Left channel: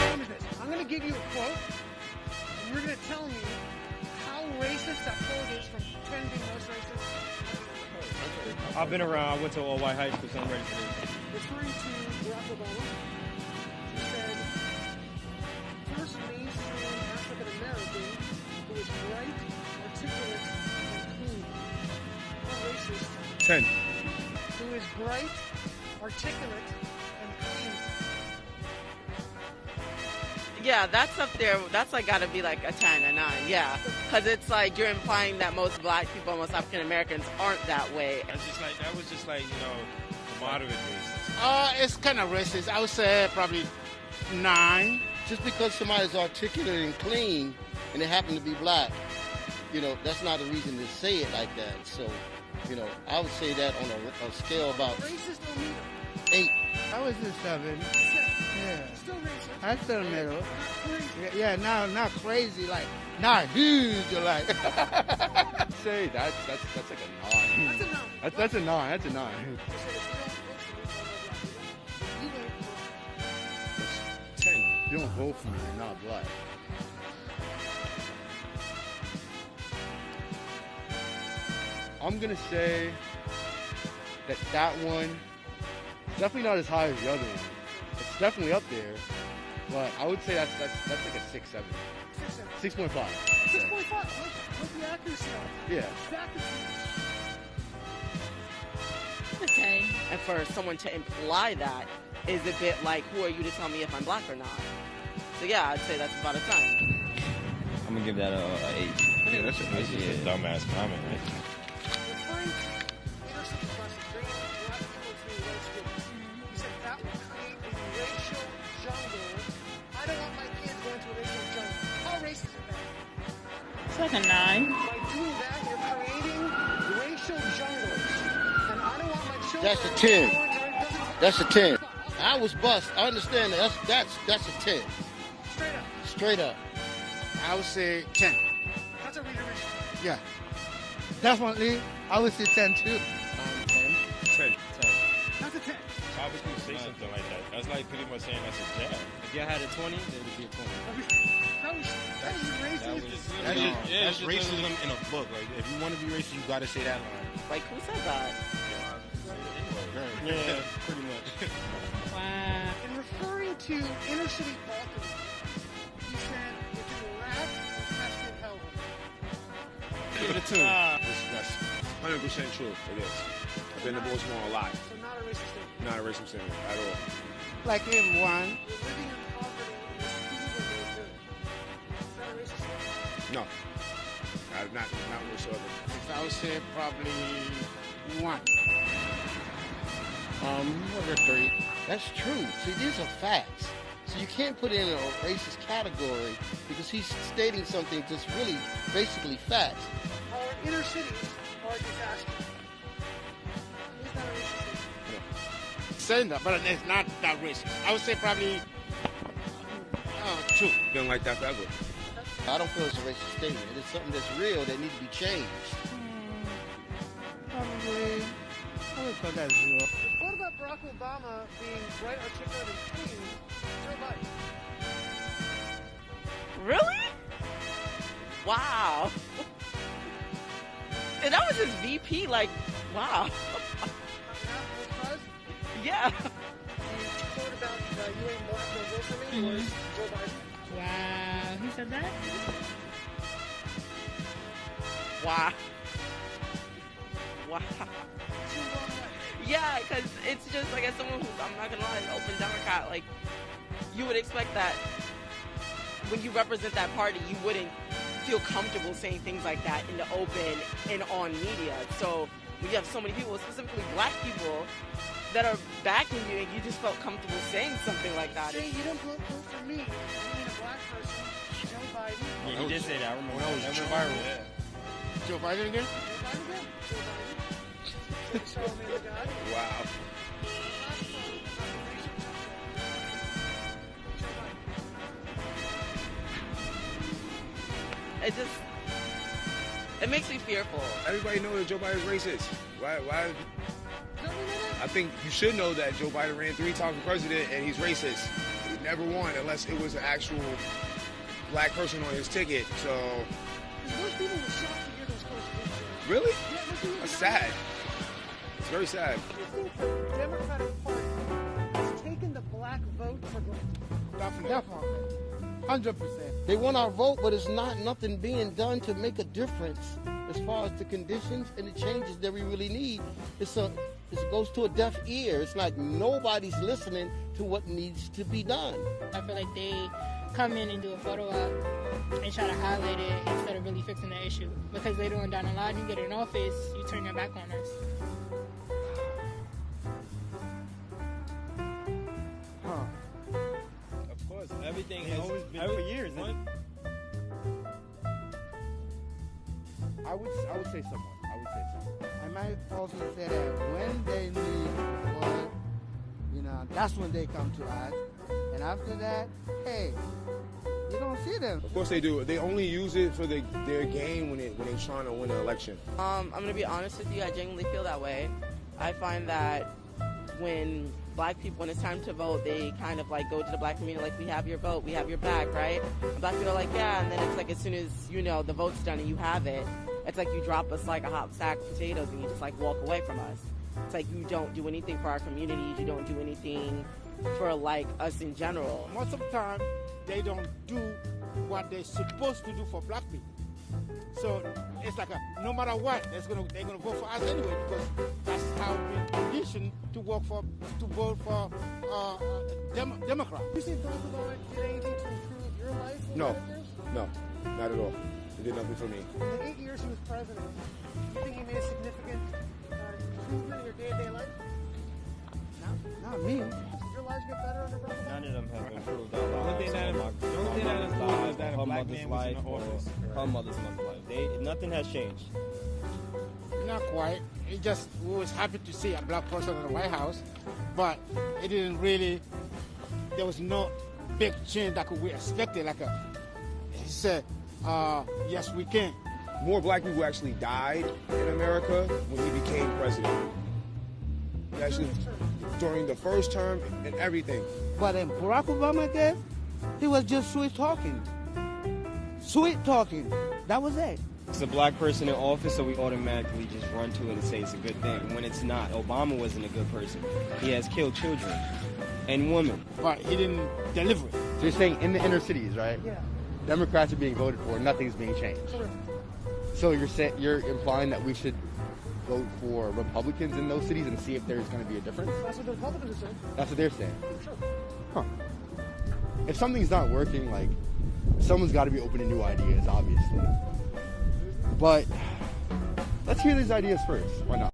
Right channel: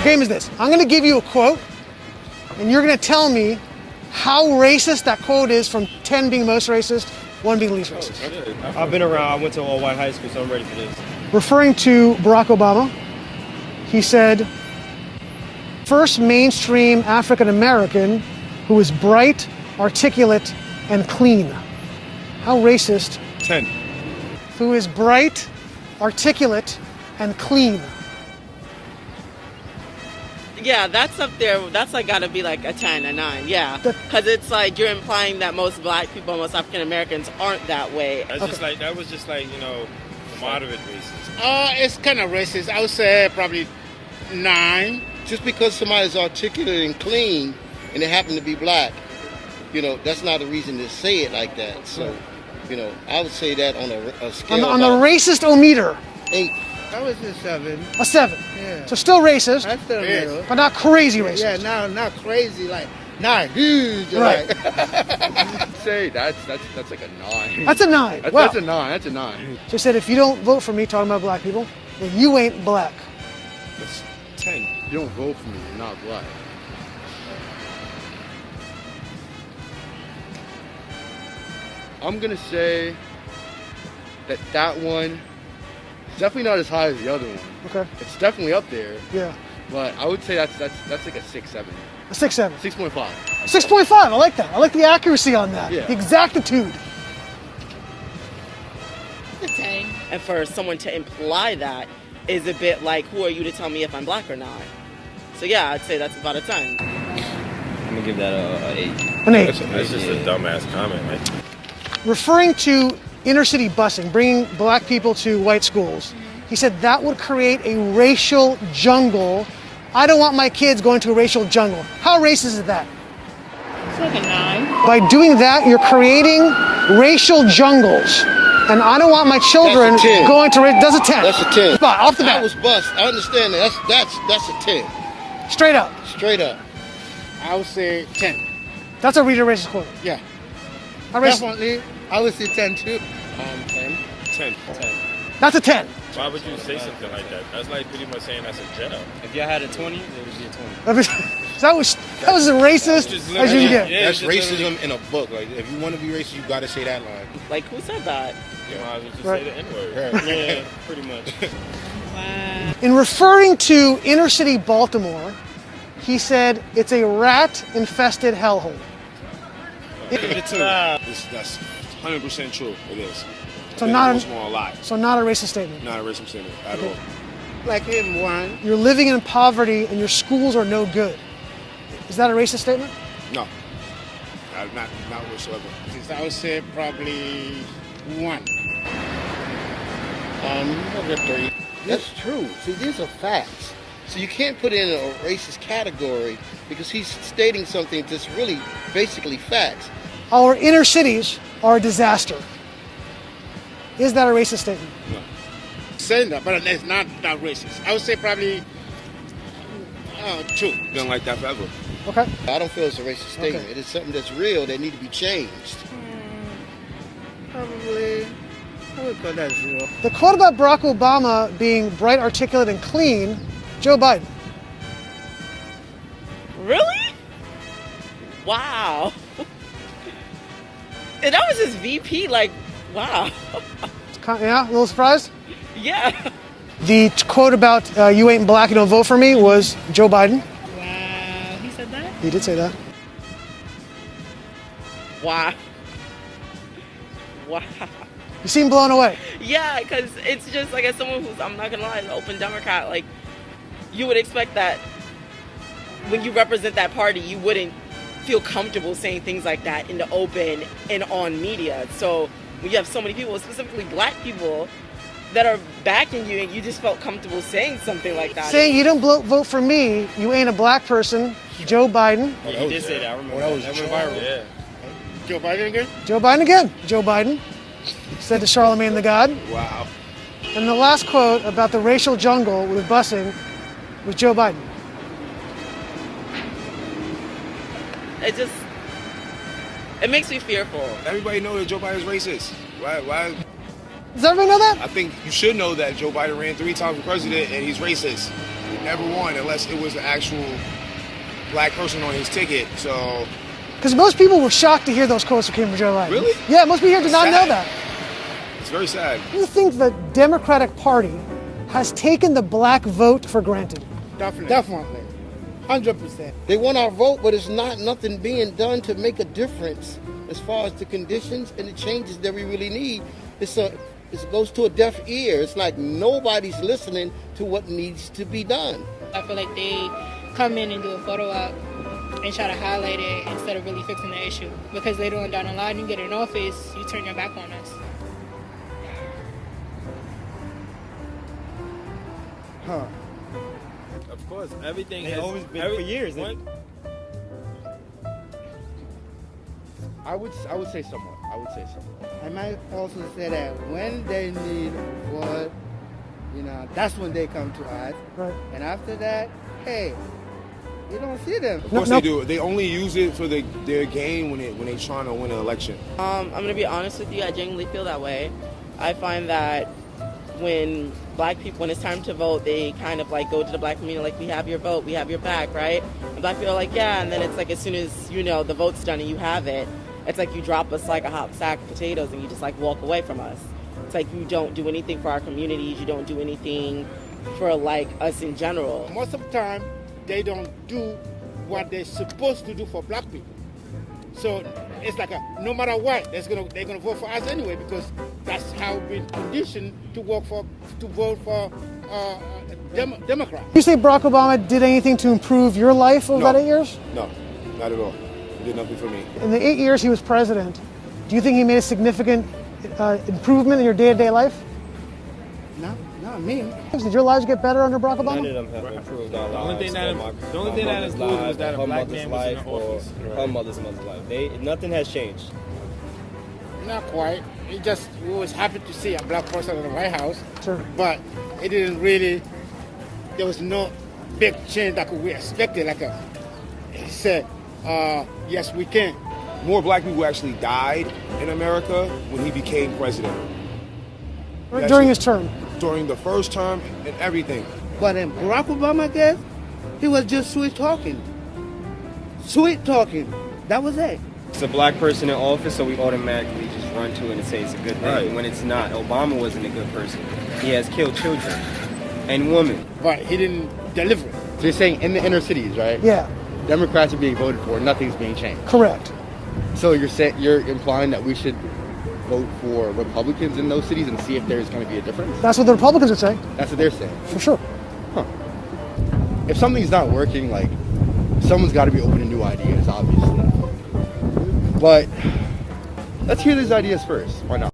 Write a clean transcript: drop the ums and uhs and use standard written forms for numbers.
The game is this. I'm going to give you a quote, and you're going to tell me how racist that quote is, from 10 being most racist, 1 being least racist. I've been around. I went to all-white high school, so I'm ready for this. Referring to Barack Obama, he said, first mainstream African-American who is bright, articulate, and clean. How racist? 10. Who is bright, articulate, and clean. Yeah, that's up there. That's like gotta be like a 10, a 9. Yeah, because it's like you're implying that most black people, most African Americans aren't that way. That's just like that was just like moderate racist. It's kind of racist. I would say probably 9. Just because somebody's articulate and clean and they happen to be black, that's not a reason to say it like that. So, I would say that on a scale on the racist-o-meter. 8. I was a 7. A 7. Yeah. So still racist, That's still real. but not crazy racist. Yeah, not crazy, like, not huge. Right. I'd say that's like a 9. That's a 9. That's, Wow. that's a 9. That's a 9. So he said, if you don't vote for me, talking about black people, then you ain't black. That's 10. You don't vote for me, you're not black. I'm gonna say that one is definitely not as high as the other one. Okay. It's definitely up there, Yeah. but I would say that's like a 6-7. A 6-7. 6.5. 6.5. I like that. I like the accuracy on that. Yeah. The exactitude. And for someone to imply that is a bit like, who are you to tell me if I'm black or not? So yeah, I'd say that's about a 10. I'm gonna give that a 8. An 8. That's just a dumbass comment, right? Referring to inner city busing, bringing black people to white schools, he said that would create a racial jungle. I don't want my kids going to a racial jungle. How racist is that? It's like a 9. By doing that, you're creating racial jungles. And I don't want my children That's a 10. going to race. That's a 10. That's a 10. Spot, off the I bat. was bust. I understand that. That's a 10. Straight up. Straight up. I would say 10. That's a reader racist quote. Yeah. How racist? Definitely. I would say 10 too. 10. That's a 10. Why would you say something like that? That's like pretty much saying that's a job. If you had a 20, it would be a 20. that was as racist as you can get. Yeah, That's just racism in a book. Like, if you want to be racist, you got to say that line. Like, who said that? You might as well just Right. say the N-word. Yeah, pretty much. Wow. In referring to inner city Baltimore, he said it's a rat-infested hellhole. That's 100% true. It is. So It not goes a, on a lot. so not a racist statement. Not a racist statement at all. Like in 1. You're living in poverty and your schools are no good. Is that a racist statement? No. Not whatsoever. I would say probably 1. Look at 3. That's true. See, these are facts. So you can't put it in a racist category because he's stating something that's really basically facts. Our inner cities are a disaster. Is that a racist statement? Saying that, but it's not that racist. I would say probably 2. Been like that forever. Okay. I don't feel it's a racist statement. Okay. It is something that's real that needs to be changed. Probably. I would put that 0. The quote about Barack Obama being bright, articulate, and clean, Joe Biden. Really? Wow. And that was his VP, like, wow. Yeah, a little surprised? Yeah. The quote about you ain't black, you don't vote for me was Joe Biden. Wow. He said that? He did say that. Wow. Wow. You seem blown away. Yeah, because it's just like, as someone who's, I'm not gonna lie, an open Democrat, like, you would expect that when you represent that party, you wouldn't feel comfortable saying things like that in the open and on media. So when you have so many people, specifically black people, that are backing you, and you just felt comfortable saying something like that. Saying you don't vote for me, you ain't a black person, Joe Biden. Yeah, he did say that. I remember that was that. viral. Yeah. Joe Biden again? Joe Biden again. Joe Biden said to Charlemagne the God. Wow. And the last quote about the racial jungle with busing was Joe Biden. It makes me fearful. Everybody knows that Joe Biden's racist. Why? Does everybody know that? I think you should know that Joe Biden ran 3 times for president and he's racist. never won unless it was an actual black person on his ticket. So Because most people were shocked to hear those quotes that came from Joe Biden. Really? Yeah, most people here did not know that. it's very sad. Do you think the Democratic Party has taken the black vote for granted? Definitely. 100%. They want our vote, but it's not nothing being done to make a difference as far as the conditions and the changes that we really need. It goes to a deaf ear. It's like nobody's listening to what needs to be done. I feel like they come in and do a photo op and try to highlight it instead of really fixing the issue. Because later on down the line, you get in office, you turn your back on us. Of course, everything It's has always been for years. I would say somewhat. I might also say that when they need what, that's when they come to us. Right. And after that, hey, you don't see them. Of course they do. They only use it for their game when they trying to win an election. I'm gonna be honest with you. I genuinely feel that way. I find that when black people, when it's time to vote, they kind of like go to the black community like, we have your vote, we have your back, right? And black people are like, yeah. And then it's like as soon as the vote's done and you have it, it's like you drop us like a hot sack of potatoes and you just like walk away from us. It's like you don't do anything for our communities. You don't do anything for like us in general. Most of the time, they don't do what they're supposed to do for black people. So it's like no matter what, they're gonna vote for us anyway because that's how we've been conditioned to vote for Democrat. You say Barack Obama did anything to improve your life over No. that 8 years? No, not at all. He did nothing for me. In the 8 years he was president, do you think he made a significant improvement in your day-to-day life? No, not me. Did your lives get better under Barack None of Obama? them have improved our The only lives. thing that improved was that a her black mother's man was in life, the or office. her mother's life. Nothing has changed. Not quite. We was happy to see a black person in the White House, Sure. but it didn't really. There was no big change that we expected. He said, yes, we can. More black people actually died in America when he became president. During his term. During the first term and everything. But in Barack Obama days, he was just sweet talking. Sweet talking. That was it. It's a black person in office, so we automatically just run to it and say it's a good thing. Right. When it's not. Obama wasn't a good person. He has killed children and women. But he didn't deliver it. So you're saying in the inner cities, right? Yeah, Democrats are being voted for, nothing's being changed. correct. So you're implying that we should vote for Republicans in those cities and see if there's going to be a difference? That's what the Republicans would say, That's what they're saying. for sure. If something's not working, like, someone's got to be open to new ideas, obviously. But let's hear these ideas first. Why not?